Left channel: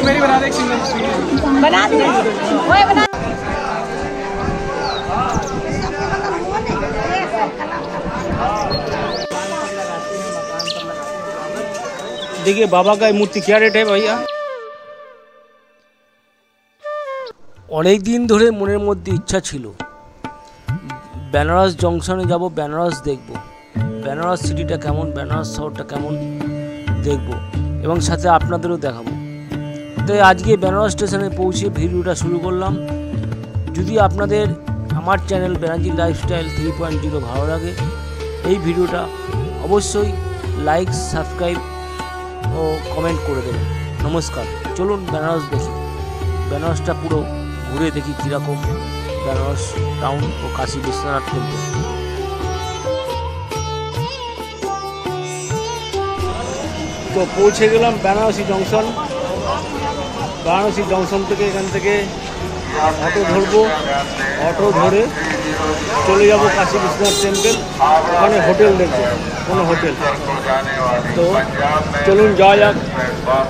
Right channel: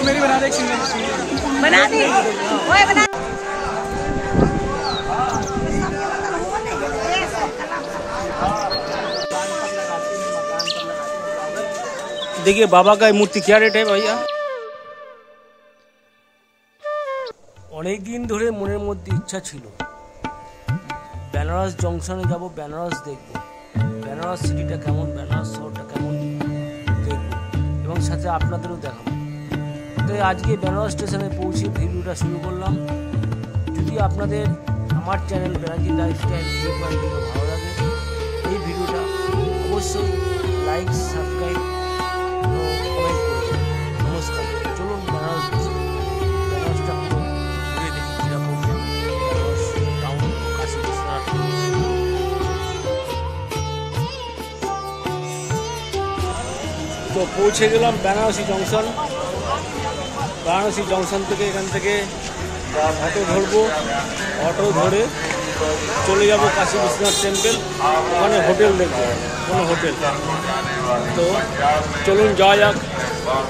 मेरी बना दे एक सिंगल बना दी ओए बना। देखिए बाबा का मूर्ति क्या रेट है भैया? অনেক দিন ধরে মনের মধ্যে ইচ্ছা ছিল বেনারস জংশনে যাব, বেনারস দেখব, বেনারস সিটিটা কেমন, বেনারস শহরটা কেমন দেখব এবং সাথে আপনাদেরও দেখাবো। তাই আজকে বেনারস স্টেশনে পৌঁছে ভিডিওটা শুরু করলাম। যদি আপনাদের আমার চ্যানেল ব্যানার্জি লাইফস্টাইল 3.0 ভালো লাগে এই ভিডিওটা অবশ্যই লাইক, সাবস্ক্রাইব ও কমেন্ট করে দেবেন। নমস্কার, চলুন বেনারস দেখি, বেনারসটা পুরো ঘুরে দেখি কীরকম বেনারস টাউন ও কাশী বিশ্বনাথ মন্দির। তো পৌঁছে গেলাম বেনারসি জংশন। বেনারসি জংশন থেকে এখান থেকে অটো ধরবো, অটো ধরে চলে যাব কাশী বিশ্বনাথ টেম্পল। ওখানে হোটেল দেখবো, কোনো হোটেল। তো চলুন যাওয়া যাক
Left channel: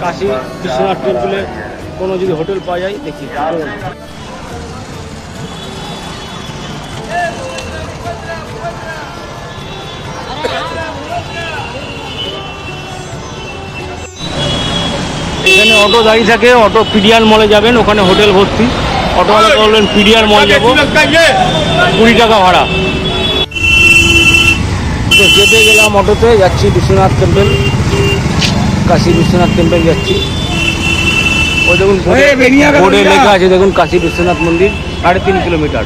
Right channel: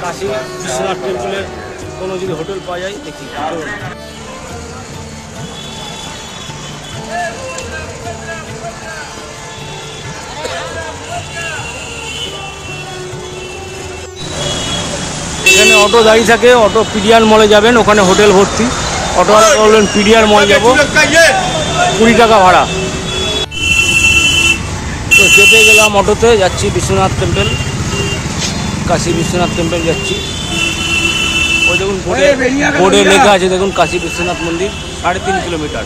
কাশী বিশ্বনাথ টেম্পলের কোনো যদি হোটেল পাওয়া যায় দেখি। চলুন। এখানে অটো দাঁড়িয়ে থাকে, অটো পিডিআর মলে যাবেন, ওখানে হোটেল ভর্তি। অটোওয়ালাকে বলবেন পিডিআর মল যাবো, 20 টাকা ভাড়া। তো চেপে গেলাম অটোতে, যাচ্ছি বিশ্বনাথ টেম্পল, কাশী বিশ্বনাথ টেম্পল যাচ্ছি। ওই দেখুন বোর্ডে লেখা আছে, দেখুন কাশী বিশ্বনাথ মন্দির 3.5 কিলোমিটার।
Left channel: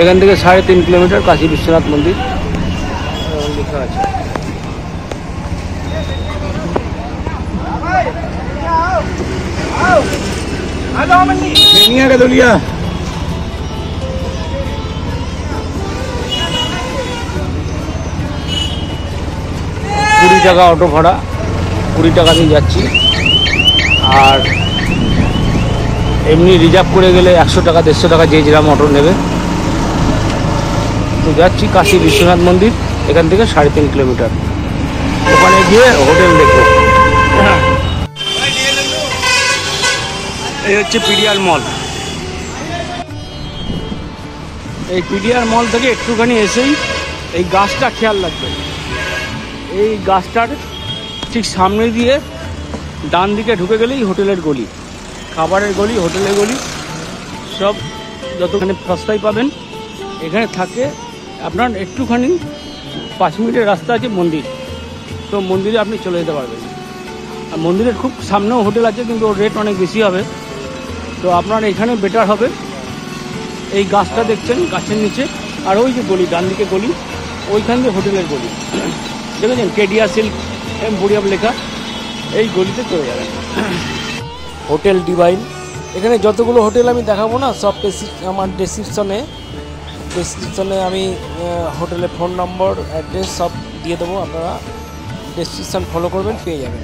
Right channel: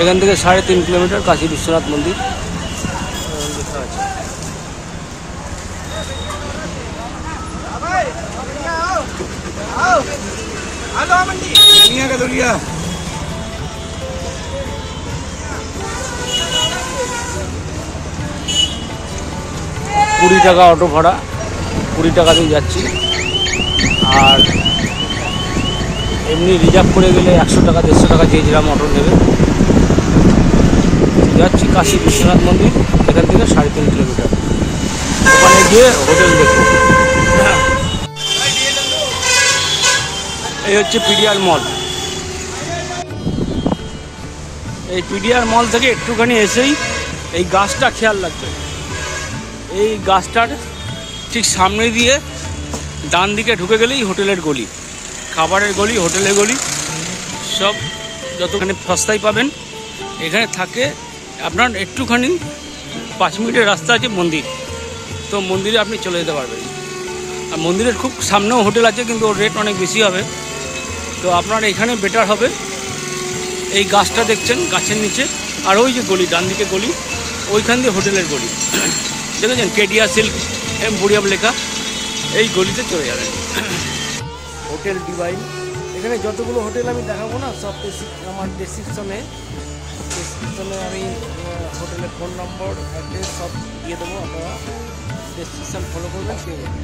এখান থেকে 3.5 কিলোমিটার কাশী বিশ্বনাথ মন্দির লেখা আছে। কুড়ি টাকা অটো ভাড়া, 20 টাকা দিয়ে যাচ্ছি। আর এমনি রিজার্ভ করে গেলে 100 টাকা 150 টাকা যে যেরকম অটো নেবে। তো যাচ্ছি কাশী বিশ্বনাথ মন্দির, এখান থেকে 3.5 কিলোমিটার। ওখানে গিয়ে হোটেল দেখবো। এই হচ্ছে পিডিআর মল। এই পিডিআর মল থেকে একটুখানি এসেই এই গাছটা খেয়াল রাখবে। এই গাছটার ঠিক সামনে দিয়ে ডান দিকে ঢুকে গেলেই হোটেলের গলি, খাবারের গলি, হোটেলের গলি সব যতখানি সস্তায় পাবেন এখানে থাকে। আপনার একটুখানি 5 মিনিটের রাস্তা আছে মন্দির, তো মন্দিরে আপনি চলে যেতে পারবেন। আর মন্দিরের খুব সামনেও হোটেল আছে, কিন্তু ওর রেট অনেক বেশি হবে। তো আপনার এখানে বেটার হবে। এই গাছটা দেখছেন, গাছের নিচে, আর ওই যে গলি, ডান দিকে গলি, ওইখান দিয়ে হোটেলের গলি দেখেছেন, কেডিয়া সিল্ক এম্পোরিয়াম লেখা। এই গলিতে চলে যাবেন। Hotel divine. এখানে যতগুলো হোটেল আমি দেখাবো না, সব আমার ডেসক্রিপশনে আমি হোটেলের ফোন নম্বর, অ্যাড্রেস সব দিয়ে দেবো। আপনারা ডেসক্রিপশন ফলো করবেন, পেয়ে যাবেন।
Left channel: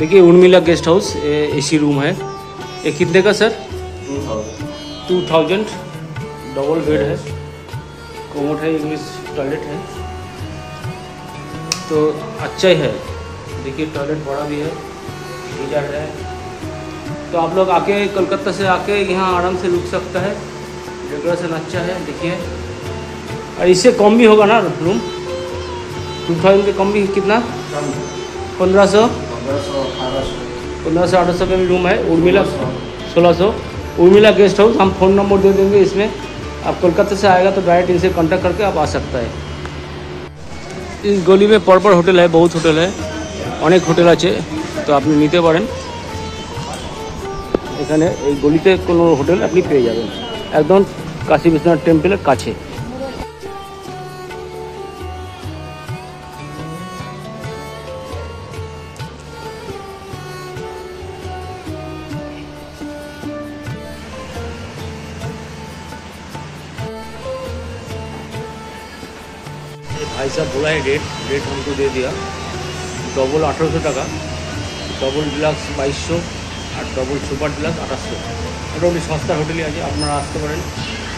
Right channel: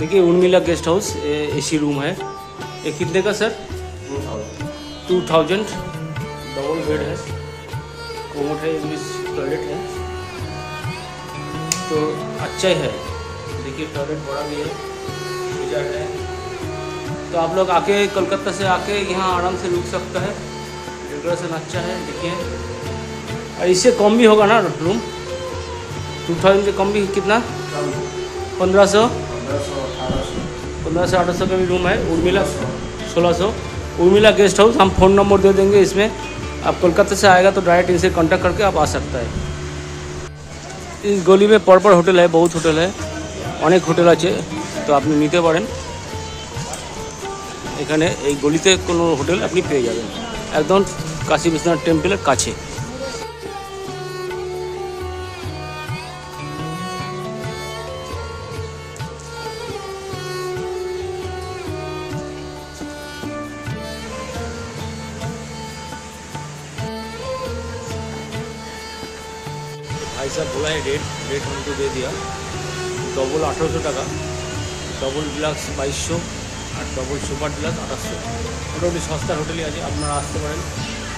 देखिए Urmila guest house, AC room है। ये कितने का सर? 2000। डबल बेड है, कोमोड है, इंग्लिश टॉयलेट है, तो अच्छा ही है। देखिए टॉयलेट बड़ा भी है, गीजर है। तो आप लोग आके कोलकाता से आके यहाँ आराम से रुक सकता है। डेकोरेशन अच्छा है, देखिए। और इससे कम भी होगा ना रूम? 2000 से कम भी कितना? 1500 1500-1800 का भी रूम है। उर्मिला 1600। Urmila guest house. हम फ़ोन नंबर दे देंगे इसमें। आप कोलकाता से आएगा तो डायरेक्ट इनसे कांटेक्ट करके आप आ सकता है। इस गली में परपर होटल है, बहुत होटल है, अनेक होटल আছে, তো আপনি নিতে পারেন। এখানে এই গলিতে কোনো হোটেল আপনি পেয়ে যাবেন, একদম কাশী বিশ্বনাথ টেম্পলের কাছে। भाई साहब बोला है रेट हमको दे दिया। डबल 1800 টাকা, डबल डिलक्स 2200 और डबल सुपर डिलक्स 2800। मोटामुटी सस्ता होटेल আছে, আপনারা আসতে পারেন।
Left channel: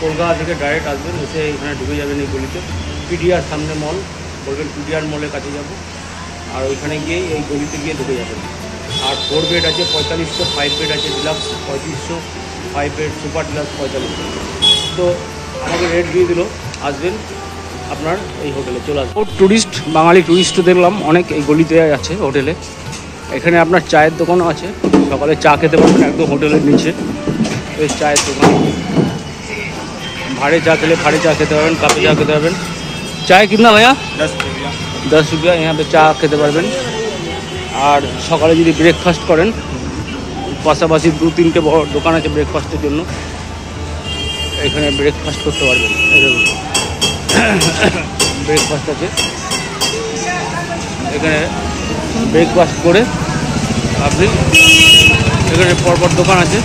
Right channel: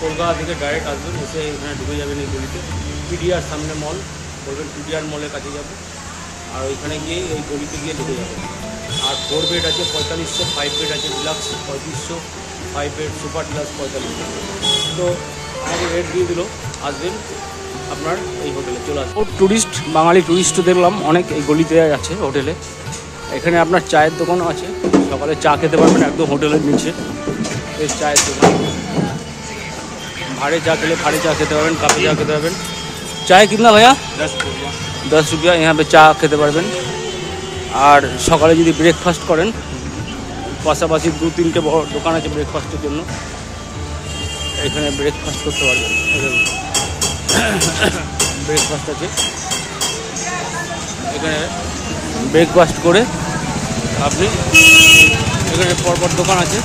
কলকাতা থেকে ডাইরেক্ট আসবেন, এসে এখানে ঢুকে যাবেন এই গলিতে। পিডিআর সামনে মল, বলবেন পিডিআর মলের কাছে যাব, আর ওইখানে গিয়ে এই গলিতে গিয়ে ঢুকে যাবেন। আর 4 বেড আছে 4500, 5 বেড আছে ডিলাক্স 3500, 5 বেড সুপার ডিলাক্স 4500। তো আমাকে রেট দিয়ে দিল, আসবেন আপনার এই হোটেলে চলে আসবেন। ট্যুরিস্ট, বাঙালি ট্যুরিস্টও দেখলাম অনেক এই গলিতে আছে হোটেলে। এখানে আপনার চায়ের দোকানও আছে, সকালে চা খেতে পারবেন একদম হোটেলের নিচে। এই চায়ের দোকান, भाड़े चा के लिए भाड़े चा खेते पारबेन, कापे चा खेते पारबेन। चाय कितना भैया? 10 रुपया। यहाँ पे चा खेते पारबेन। और सकाले यदि ब्रेकफास्ट करें, पाशापाशी 2-3টে বড় দোকান আছে ব্রেকফাস্টের জন্য, এখানে ব্রেকফাস্ট করতে পারবেন। এই দেখুন ব্রেকফাস্ট আছে, এখানে ব্রেকফাস্ট করে আপনি, এখানে পরপর দোকান আছে।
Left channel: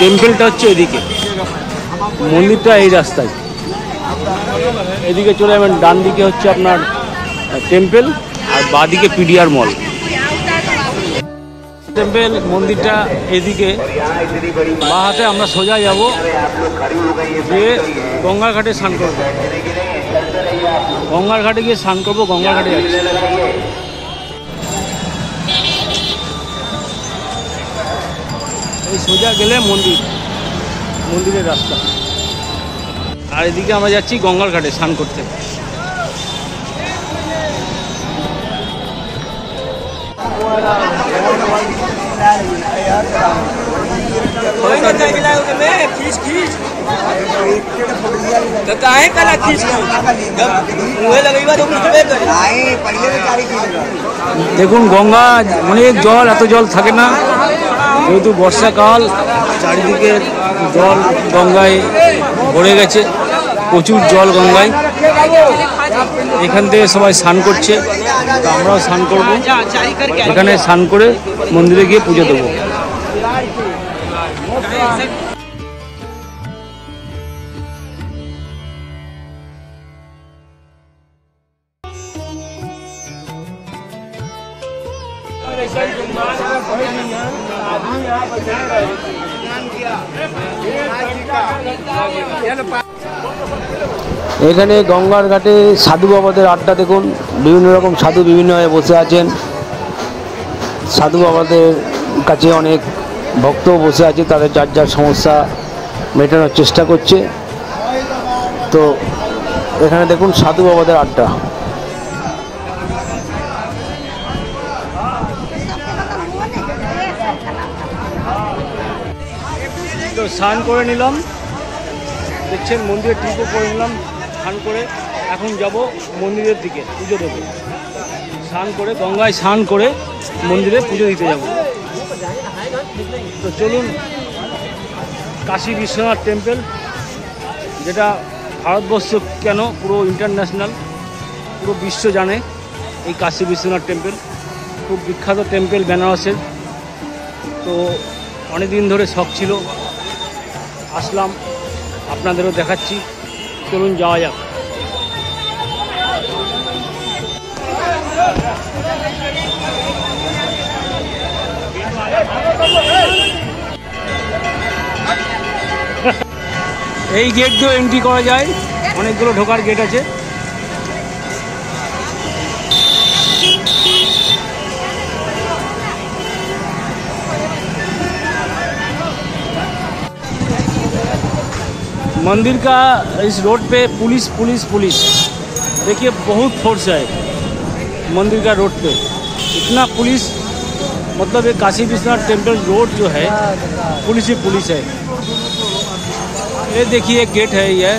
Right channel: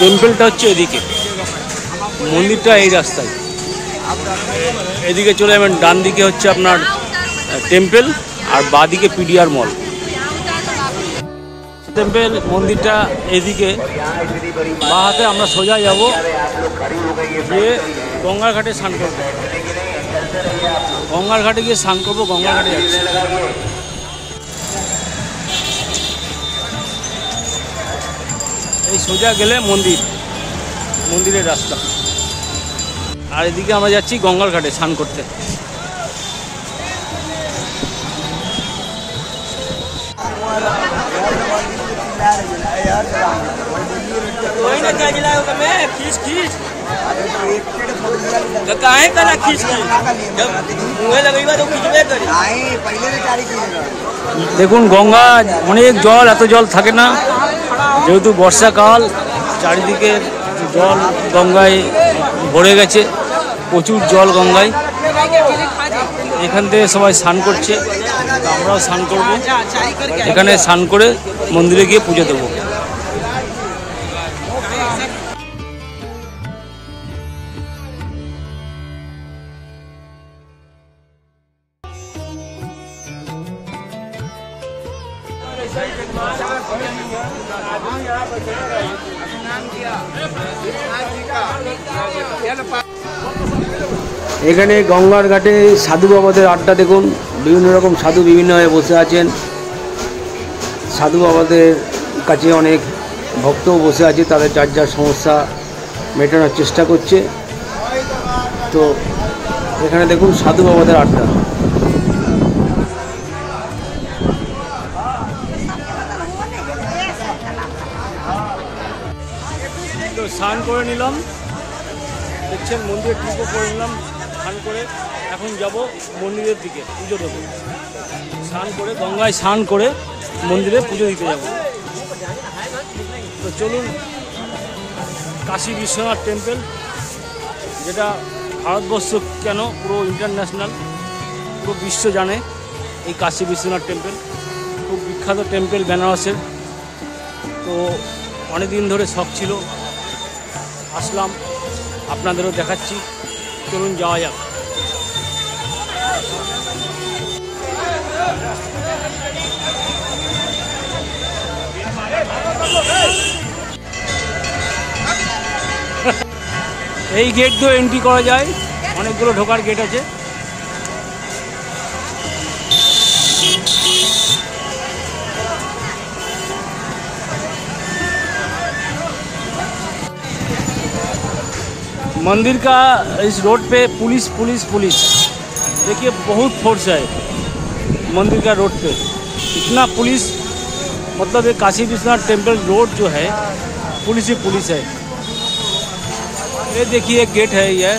টেম্পলটা হচ্ছে এদিকে, মন্দিরটা এই রাস্তায়, এদিকে চলে যাবেন। ডান দিকে হচ্ছে আপনার টেম্পল, আর বাঁদিকে পিডিআর মল। টেম্পল মন্দিরটা এদিকে, বাঁ হাতে আমরা সোজা যাব, গিয়ে গঙ্গার ঘাটে স্নান করবো। গঙ্গার ঘাটে গিয়ে স্নান করবো, গঙ্গার ঘাটে যাচ্ছি। এই সোজা গেলে মন্দির, মন্দিরের রাস্তা। আর এদিকে আমরা যাচ্ছি গঙ্গার ঘাটে স্নান করতে। দেখুন গঙ্গা অনেক জল, এত জল থাকে না, যেহেতু বর্ষাকাল, চারিদিকে জল গঙ্গায় ভরে গেছে, প্রচুর জল গঙ্গায়। এখান থেকে সবাই স্নান করছে, তো আমরাও স্নান করব। এখানে স্নান করে মন্দিরে গিয়ে পুজো দেবো। এখানে গঙ্গার ঘাটে সাধু বাবাদের আড্ডা দেখুন, বিভিন্ন রকম সাধু বিভিন্নভাবে বসে আছেন। সাধু বাবাদের কাছে অনেক ভক্ত বসে আছে, তাদের যার যার সমস্যা মেটানোর চেষ্টা করছে। তো এখানে দেখুন সাধু বাবাদের আড্ডা। তো স্নান করে নিলাম, দেখছেন মন্দিরে ট্রিপও করে নিলাম। স্নান করে এখন যাব মন্দিরের দিকে পুজো দেবো। স্নান করে গঙ্গায় স্নান করে মন্দিরে পুজো দিতে যাব। তো চলুন, কাশী বিশ্বনাথ টেম্পল, যেটা ভারতবর্ষ কেন পুরো ইন্টারন্যাশনাল, পুরো বিশ্ব জানে এই কাশী বিশ্বনাথ টেম্পল। খুব বিখ্যাত টেম্পল বেনারসের। তো অনেক দিন ধরে শখ ছিল, আসলাম, আপনাদেরও দেখাচ্ছি। চলুন যাওয়া যাক। এই গেট দিয়ে এন্ট্রি করা যায়, অনেকগুলো ঢোকার গেট আছে। मंदिर का इस रोड पे पुलिस पुलिस पुलिस, देखिए बहुत फोर्स है मंदिर का रोड पे, इतना पुलिस। मतलब ये काशी विश्वनाथ टेम्पल रोड जो है पुलिस ही पुलिस है। ये देखिए गेट है, ये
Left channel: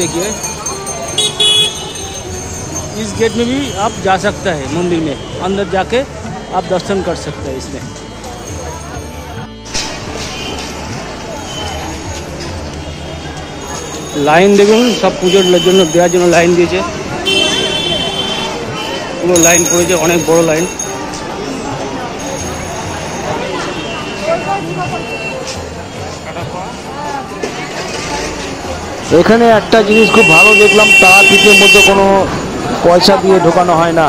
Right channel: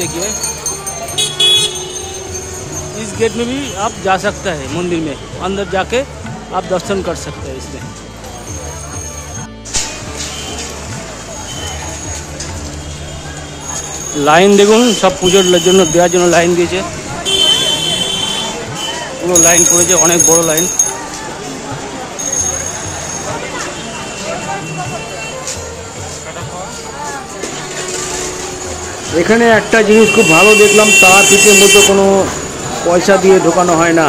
देखिए, इस गेट में भी आप जा सकते हैं मंदिर में, अंदर जाके आप दर्शन कर सकते हैं इसमें। লাইন দেখুন, সব পুজোর জন্য দেওয়ার জন্য লাইন দিয়েছে, পুরো লাইন পড়েছে, অনেক বড় লাইন। এখানে একটা জিনিস খুব ভালো দেখলাম, তারাপীঠের মধ্যে কোনো পয়সা দিয়ে ঢোকানো হয় না।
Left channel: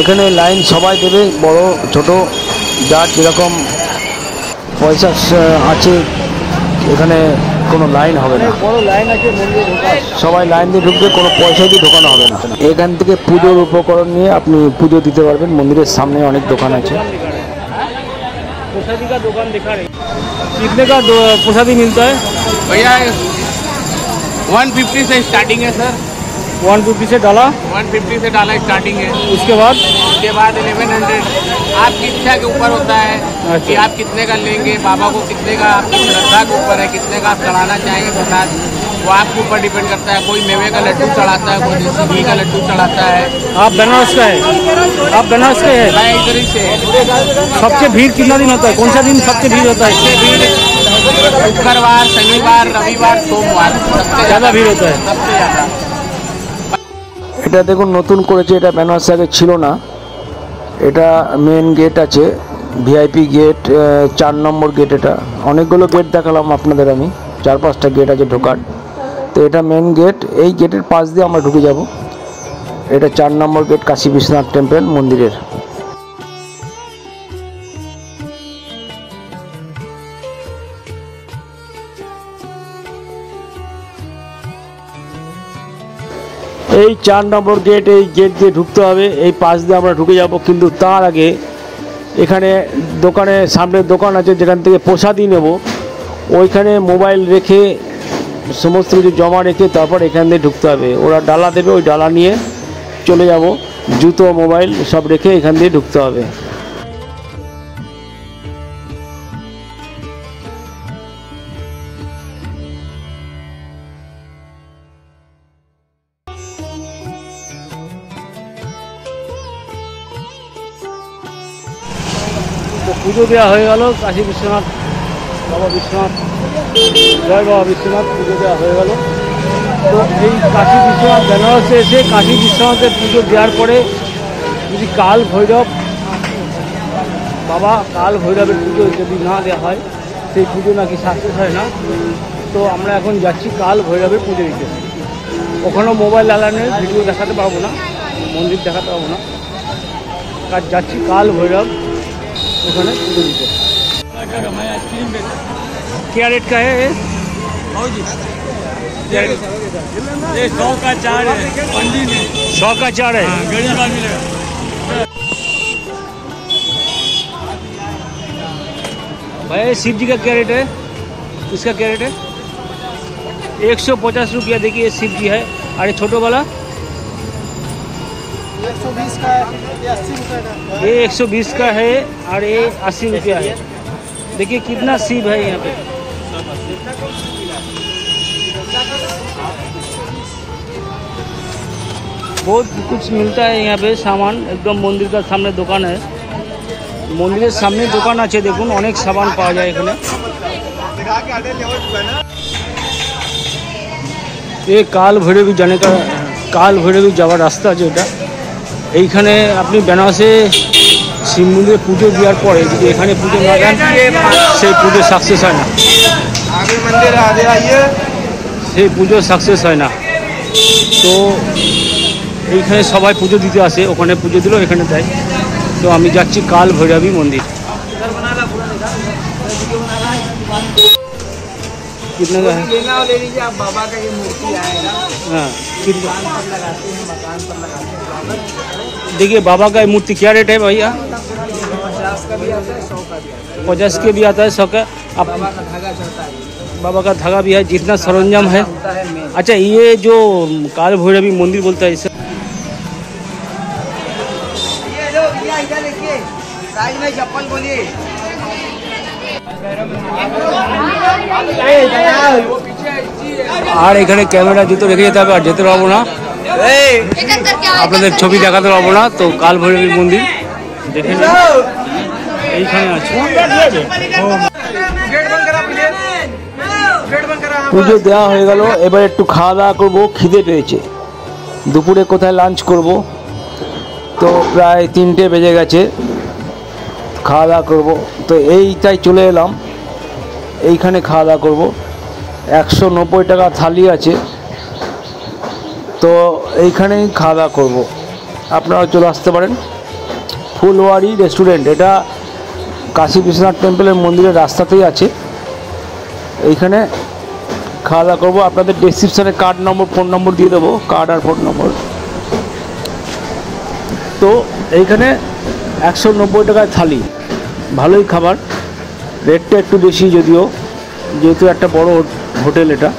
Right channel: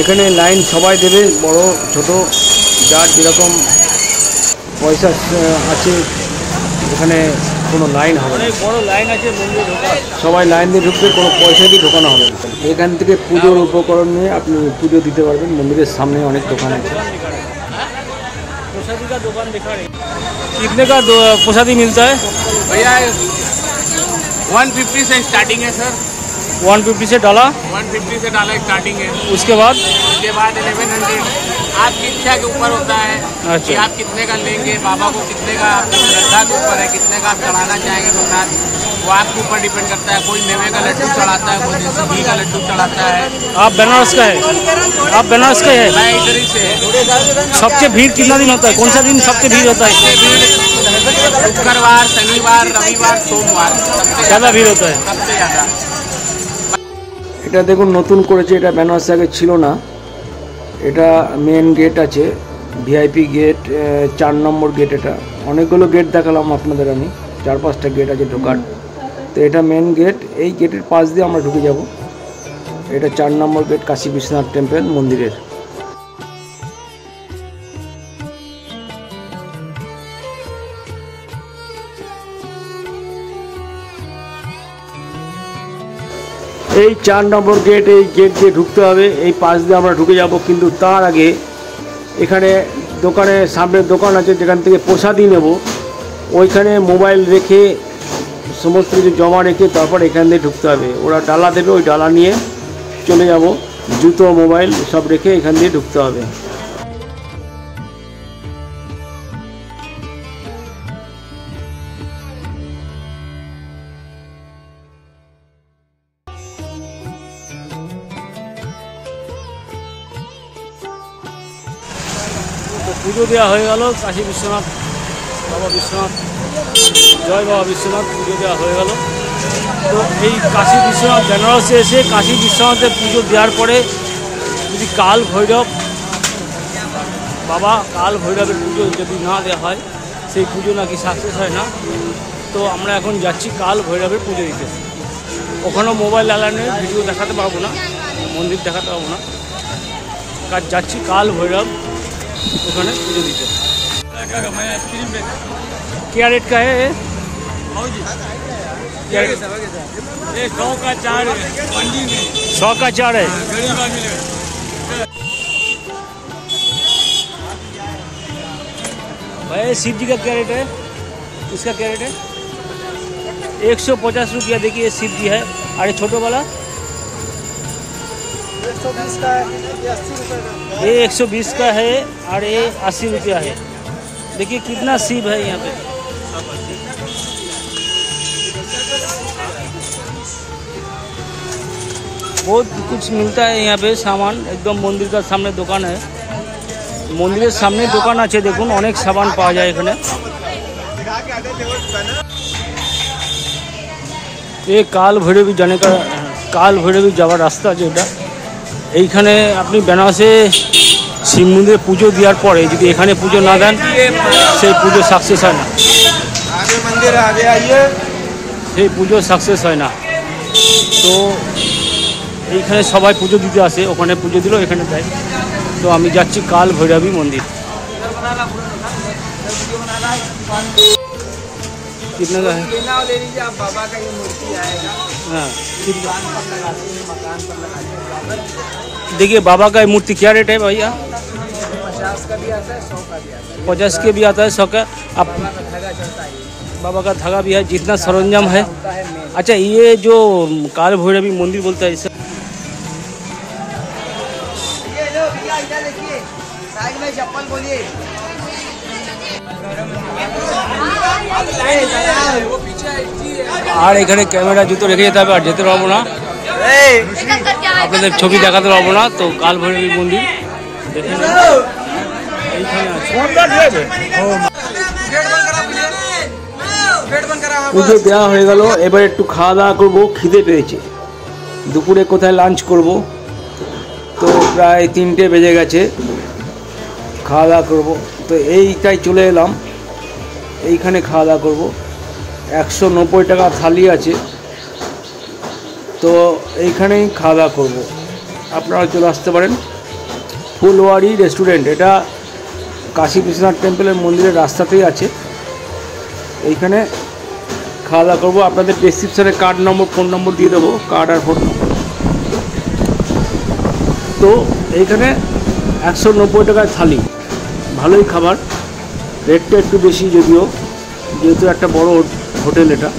এখানে লাইন সবাই দেবে, বড় ছোট যার যেরকম পয়সা আছে এখানে কোনো লাইন হবে না, বড় লাইন আছে মন্দিরে ঢোকার। সবাই লাইন দিয়ে ঢুকবে, কোনো পয়সা দিয়ে ঢোকানো হবে না। এখান থেকে পুজোর উপকরণ নিয়ে আপনি পুজো দিতে পারবেন। মন্দিরের সামনে অনেক দোকান আছে। प्रसादी का दुकान दिखा रहे। कितने का प्रसादी मिलता है भैया 150 से स्टार्टिंग है सर। 150 से डाला, 150 से डाला स्टार्टिंग है। उसके बाद 1100 आपकी इच्छा के ऊपर होता है कि आप कितने का लेंगे। बाबा को कितने का, आपकी श्रद्धा के ऊपर है, कितने का आप चढ़ाना चाहेंगे प्रसाद, वो आपके ऊपर डिपेंड करता है। कोई मेवे का लड्डू चढ़ाता है, कोई देसी घी का लड्डू चढ़ाता है। आप बनारस का है? आप बनारस का है? मैं इधर ही से है। सबसे भीड़ कितना दिन होता है? कौन सा दिन सबसे भीड़ होता है? सबसे भीड़ शुक्रवार, शनिवार, रविवार, सोमवार सबसे ज़्यादा भीड़ होता है। सबसे ज़्यादा। এটা দেখুন নতুন করেছে, এটা বেনারসে আগে ছিল না। এটা মেন গেট আছে, ভিআইপি গেট, 4 নম্বর গেট। এটা অনেকগুলো গেট দেখালাম আপনাদের আমি, 4-5টা গেট আছে ঢোকার। তো এটা মেন গেট, এই গেটের পাশ দিয়ে আমরা ঢুকে যাব। এটা 4 নম্বর গেট, কাশী বিশ্বনাথ টেম্পল মন্দিরের। এই 4 নম্বর গেট, এই গেট দিয়ে ঢুকতে হবে, এই পাশ দিয়ে আমরা ঢুকে যাব। কিন্তু তার আগে এখানে দোকানে সামনে দোকান আছে যেখান থেকে প্রসাদই নেব, ওইখানে মোবাইল রেখে সমস্ত কিছু জমা রেখে তারপর এখান দিয়ে ঢুকতে হবে। ওরা ডালা দেবে, ওই ডালা নিয়ে চলে যাব। জুতো মোবাইল সব রেখে এখান দিয়ে ঢুকতে হবে। তো পুজো দেওয়া হয়ে গেল কাশী বিশ্বনাথ, বাবা বিশ্বনাথ, জয় বাবা বিশ্বনাথ, পুজো দেওয়া হয়ে গেল। তো এই কাশী বিশ্বনাথ বেনারসে এসে কাশী বিশ্বনাথের পুজো দেওয়ার পরে যদি কাল ভৈরব, বাবা কাল ভৈরবের পুজো যদি না দেওয়া হয়, সেই পুজো নাকি সাকসেস হয় না। তো আমরা এখন যাচ্ছি কাল ভৈরবের পুজো দিতে। ওখানেও মোবাইল অ্যালার্মে ভিডিও দেখাতে পারবো না, মন্দির দেখাতে পারবো না, কাজ যাচ্ছি কাল ভৈরব ওখানে পুজো দিতে। क्या रेट का है? 100 का 4 है, मंडी में 100 का 4 है। गरीब आदमी लेगा। भाई शिव जी का क्या रेट है? इसका क्या रेट है? 150 रुपया। देखिए ये शिव जी है। और ये छोटो वाला 120 का, ये 80 रुपये का। ये 120 का है और ये 80 रुपया है। देखिए कितना शिव है यहाँ पे। बहुत कुछ मिलता है यहाँ पे सामान। एकदम मंदिर का सामने दुकान है, मंदिर सामने दुकान আছে দেখুন, অনেক সামান পাওয়া যায় এখানে। ये কাল ভৈরবী जाने का, কাল ভৈরবী যাওয়ার রাস্তা আছে এটা। এইখানে আপনি বেনারসে শিব মন্দিরে পুজো দেওয়ার পরে যদি এখানে পুজো না দেন, সেই পুজো সাকসেস হয় না, সেই পুজো সাকসেস হয় না। তো এইখানে সবাই পুজো দিতে আসে, ওখানে পুজো দিল, এখানে দেয়। তো আমি যাচ্ছি কাল ভৈরবী মন্দির। कितने का है? लेना हो ले लीजिए आप। बाबा का ये मूर्ति आएगा, हाँ कितना? दुकान पर लगाते हैं, मकान पर लगाते हैं बाबा। देखिए बाबा का मूर्ति क्या रेट है भैया? 50 का भी आता है, 100 का भी आता है। 50 के भी आता है, 100 का। अब बाबा का धागा चलता है, बाबा का धागा भी है, जितना सरंजाम है। होता है मेन। अच्छा ये जो काल भैरवी मंदिर बोलता है इसे, ये लो भैया, इधर देखिए साइड में चप्पल बोलिए। আর এখানে ক্যামেরা জুতো রেখে যেতে হবে, আর যেতে পারবো না, আপনাদের ছবি দেখাতে পারবো না। তো কাল ভৈরবী মন্দির দেখে নিন, এইখানে আছে। পুজো দেওয়া হয়ে গেল, এবার একটু খাওয়া দাওয়া করবো, খিদে পেয়েছে। দুপুরে কোথায় লাঞ্চ করব? তো প্রায় 3টে বেজে গেছে, খাওয়া দাওয়া করবো। তো এইটাই চলে এলাম, এইখানে খাওয়া দাওয়া করবো। 190 টাকা থালি আছে, তো এইখানেই খাওয়া দাওয়া করবো। আপনারা চলে আসতে পারেন। ফুলওয়ারি রেস্টুরেন্ট, এটা কাশী বিশ্বনাথ টেম্পলের মন্দিরের রাস্তাতেই আছে। এইখানে খাওয়া দাওয়া করবো। আপনাদের ডেসক্রিপশানে কার্ড নম্বর, ফোন নম্বর দিয়ে দেবো, কার্ড আর ফোন নম্বর। তো এইখানে 190 টাকায় থালি, ভালোই খাবার, রেটটা একটু বেশি যদিও, যেহেতু একটা বড় হোটেল এটা,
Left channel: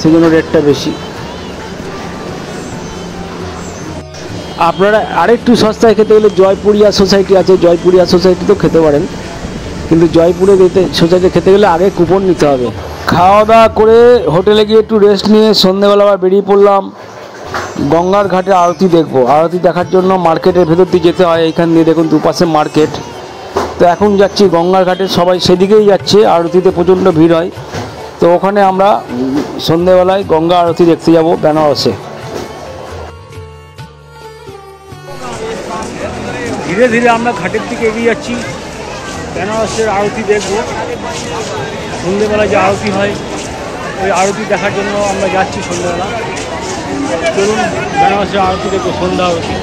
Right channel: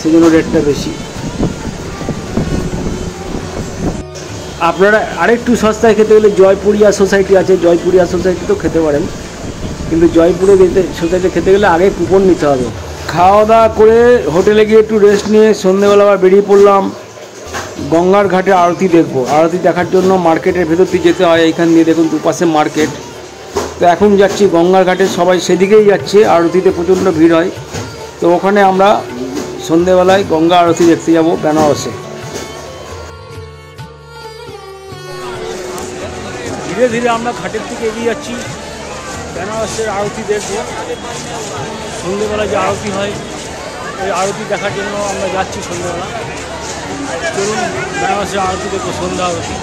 সেজন্য রেটটা বেশি। আপনারা আরেকটু সস্তায় খেতে গেলে জয়পুরিয়া সোসাইটি আছে, জয়পুরিয়া সোসাইটিতেও খেতে পারেন, কিন্তু জয়পুরে সোসাইটি খেতে গেলে আগে কুপন নিতে হবে। খাওয়া দাওয়া করে হোটেলে গিয়ে একটু রেস্ট নিয়ে সন্ধ্যেবেলা আবার বেরিয়ে পড়লাম গঙ্গার ঘাটে আরতি দেখবো। আরতি দেখার জন্য মার্কেটের ভেতর দিয়ে যেতে হয়। এইখান দিয়ে দেখুন দুপাশে মার্কেট। তো এখন যাচ্ছি গঙ্গার ঘাটে, সবাই সেদিকেই যাচ্ছে, আরতিতে প্রচণ্ড ভিড় হয়। তো ওখানে আমরা সন্ধ্যেবেলায় গঙ্গা আরতি দেখতে যাব বেনারসে। ধীরে ধীরে আমরা ঘাটের দিকে এগিয়ে যাচ্ছি, বেনারসের আরতি দেখব। সন্ধ্যেবেলায় যে আরতি হয় ওই আরতি দেখার জন্য আমরা যাচ্ছি সন্ধ্যেবেলা। চলুন বেনারসের আরতি দেখবো, সন্ধ্যা আরতি।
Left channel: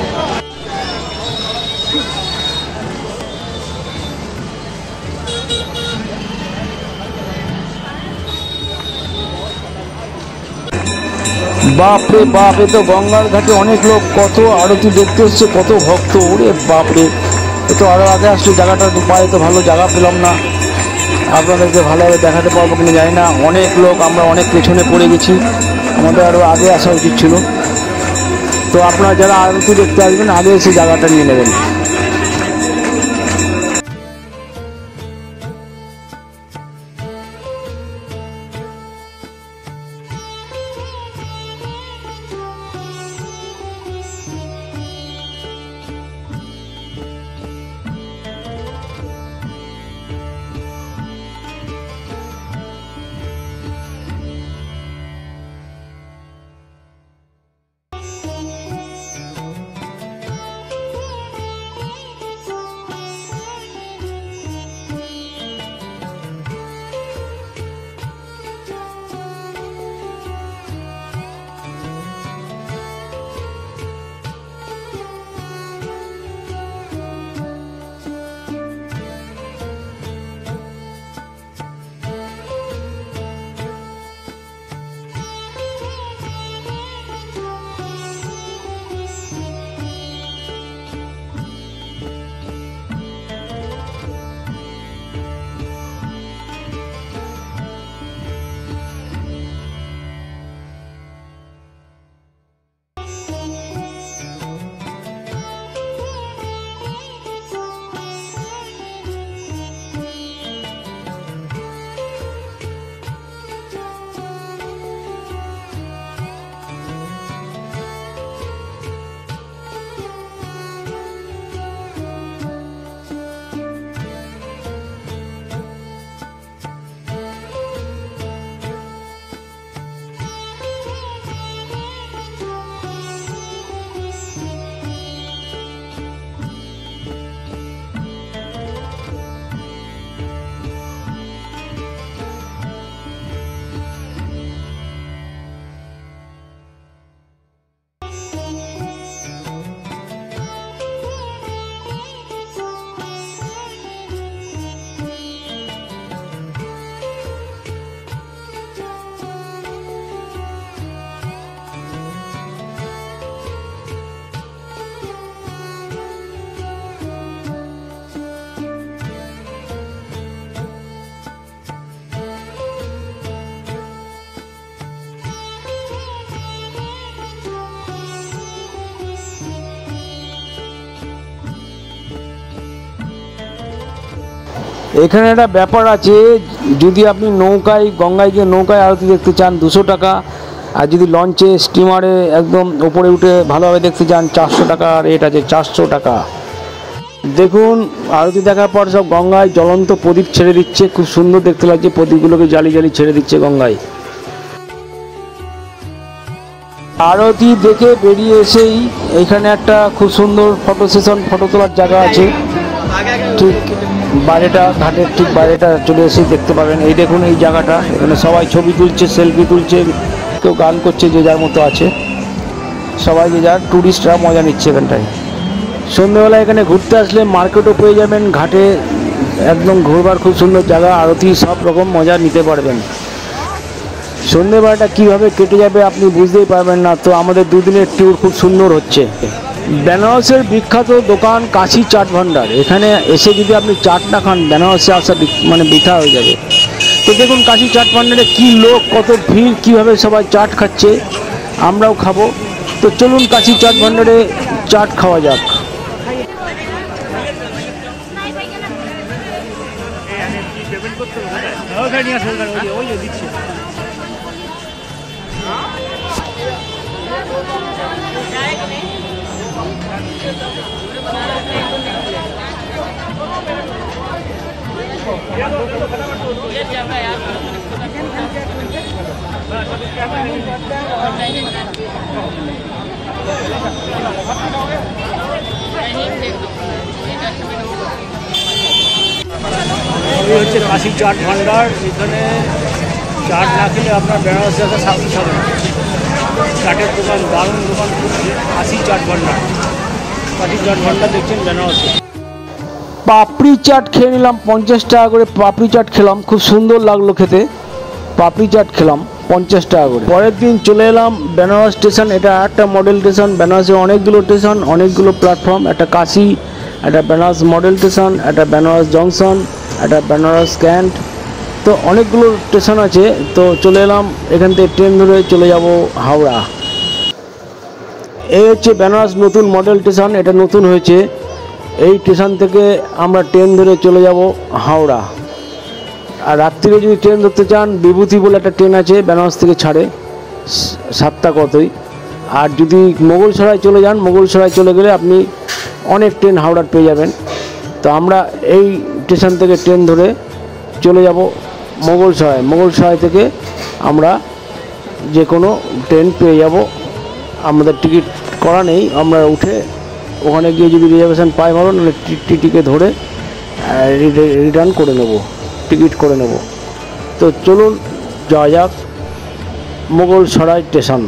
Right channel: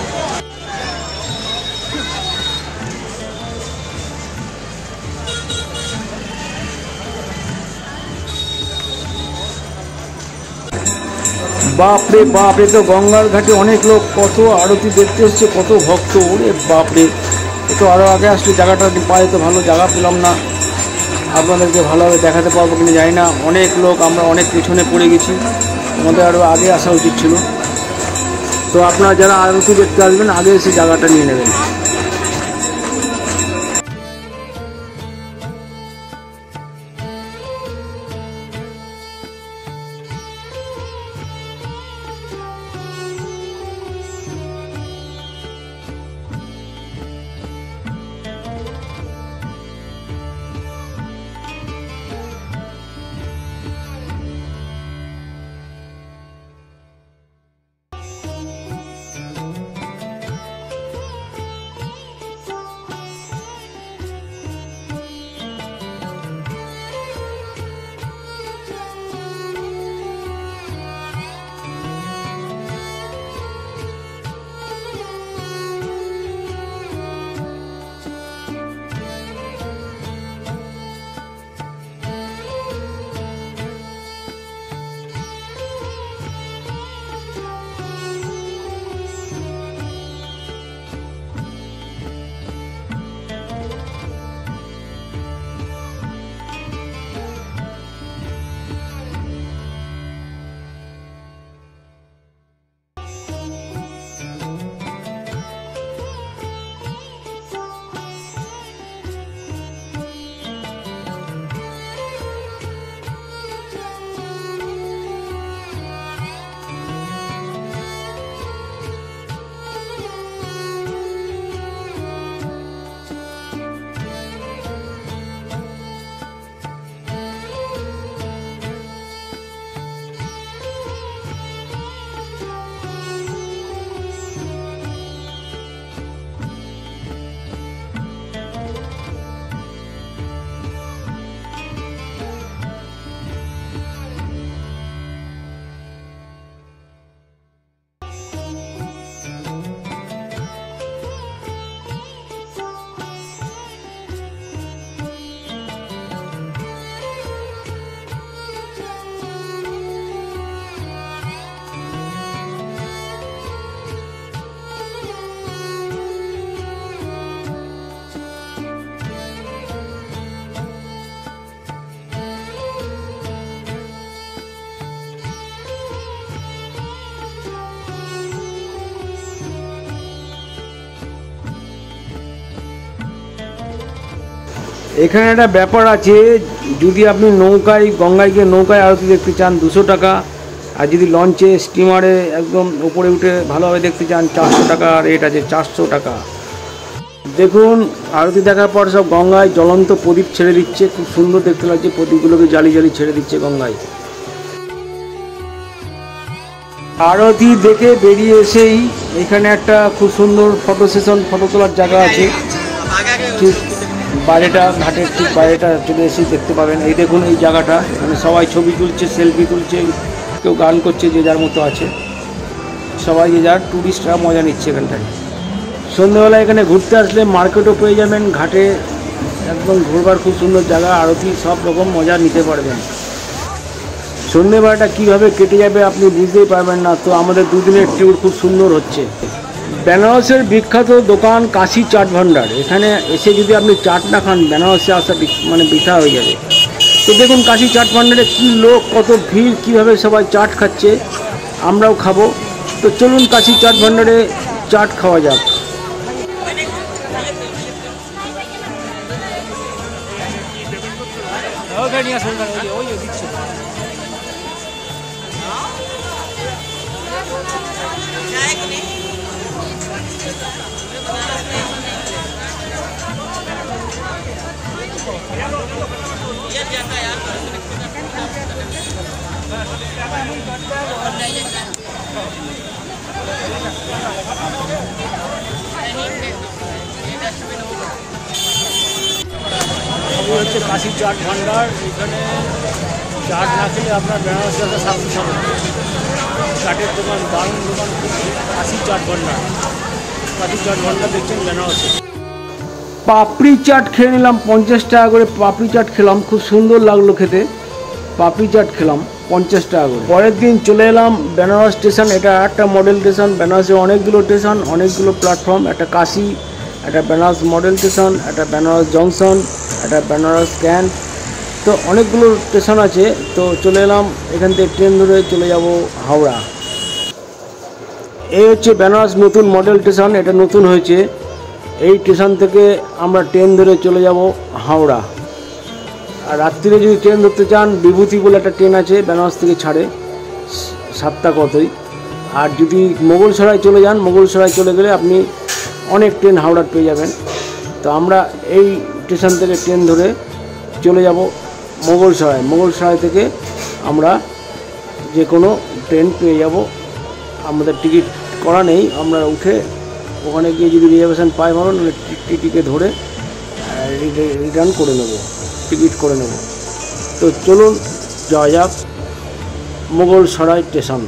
বাপরে বাপ, এ তো গঙ্গার ঘাটে অনেক লোক, কত আরতি দেখতে এসছে, কত ভক্ত। ওরে বাপরে, এ তো আরও আগে আসলে জায়গাটা পায়ে তো ভালো জায়গা পেলাম না। আপনাদেরকে ভালোভাবে দেখাতে পারবো কিনা জানি না। অনেক লোক, আমরা অনেক পেছনে পড়ে গেছি, আমাদের আরও আগে আসা উচিত ছিল। তো আপনারা যারা আরতি দেখতে আসবেন আগে এসে জায়গাটা নিয়ে নেবেন। এখানে একটা ব্যাপার আছে, যদি আপনি নৌকায় গঙ্গায় গিয়ে নৌকায় আরতি দেখতে চান 200 টাকা, আর যদি লঞ্চে স্টিমারে একদম উপরে উঠে ভালোভাবে দেখতে চান 400 টাকা রেট আছে, 400 টাকা। দেখুন আরতি দেখার পর সব গঙ্গায় জ্বলন্ত প্রদীপ ছেড়ে দিচ্ছে, খুব সুন্দর দেখতে লাগছে, প্রদীপগুলোকে জ্বালি জ্বালি ছেড়ে দিচ্ছে গঙ্গায়। আরতি দেখে বেরিয়ে এসেই এখানে একটা খুব সুন্দর ফটো সেশন, ফটো তোলার জায়গা আছে, ঠিক বাইরেটা ঘাটের ঠিক বাইরেটা চলে এসে দেখতে পাবেন। এই দেখুন এই জায়গাটা, এখানে সবাই ছবি তুলছে, সেলফি তুলছে, কেউ গান করছে, যে যার মতো আছে, সবাই যে যার ট্যুরিস্টরা মজা নিচ্ছে এখানটায়। সন্ধ্যেবেলা এখানে ঘুরতে আসলে মার্কেটও পেয়ে যাবেন, ঘাটে একদম ঘুরবার খুব সুন্দর জায়গা, আরতি সব রকম মজা নিতে পারবেন। সন্ধ্যেবেলাটা কীভাবে কেটে যাবে আপনি বুঝতেই পারবেন না। তো আমাদের দুদিনের ট্যুর খুব সুন্দর হচ্ছে। বেনারসের বিখ্যাত দোকান কাশি চাট ভান্ডার, এখানে এসে যদি আপনি চাট না খান বেনারসে আসা মানে বৃথা হয়ে যাবে। তো দেখুন কাশি চাট ভান্ডারে কী লোক, কত ভিড়, কীভাবে সবাই চাট খাচ্ছে, আমরাও খাবো। তো চলুন কাশি চাট ভান্ডারে চাট খাওয়া যাক। এই হচ্ছে কাশি চাট ভান্ডার। এখানে চাট না খেলে আপনার বেনারসে আসা সাকসেস হবে না। চাটের দোকান, দারুণ দোকান, কাশি চাট ভান্ডার। কাশি চাট ভান্ডার দেখছেন বেনারসে। পাপড়ি চাট খেয়ে নিলাম 50 টাকা করে। পাপড়ি চাট খেলাম, খুব সুন্দর লাগলো খেতে। পাপড়ি চাট খেলাম 50 টাকা করে। পরের দিন চলে এলাম বেনারস স্টেশন। এটা একটা মডেল স্টেশন। বেনারসে অনেকগুলো স্টেশন, অনেকগুলো প্ল্যাটফর্ম। একটা কাশি, একটা বেনারস মডেল স্টেশন, একটা বেনারস জংশন, একটা বেনারস ক্যান্ট। তো অনেকগুলো স্টেশন আছে। তো চলে এলাম, এখান থেকে ট্রেন ধরে চলে যাব হাওড়া। এই হচ্ছে বেনারস নতুন মডেল স্টেশন, এটা নতুন হয়েছে। এই স্টেশন থেকে আমরা ট্রেন ধরে চলে যাব হাওড়া। আর রাত্রিরে যদি ট্রেন ধরতে চান, বিভূতি বলে একটা ট্রেন আছে, বেনারস থেকে ছাড়ে 7টা কতই। আর যদি মোগলসরাই চলে যান, মোগলসরাই চলে গেলে আপনি অনেক ট্রেন হাওড়ার পেয়ে যাবেন। তো আমরা এই স্টেশন থেকে ট্রেন ধরে চলে যাব মোগলসরাই। মোগলসরাই থেকে আমরা যে কোনো ট্রেন পেয়ে যাব। আমাদের টিকিট করা নেই, আমরা উঠে ওখানে গিয়ে যদি রিজার্ভেশন পাই ভালো, নাহলে টিটিকে ধরে রিটার্ন করে নেব, টিকিট করে নেব। তো চলুন যাওয়া যাক মোগলসরাই স্টেশন।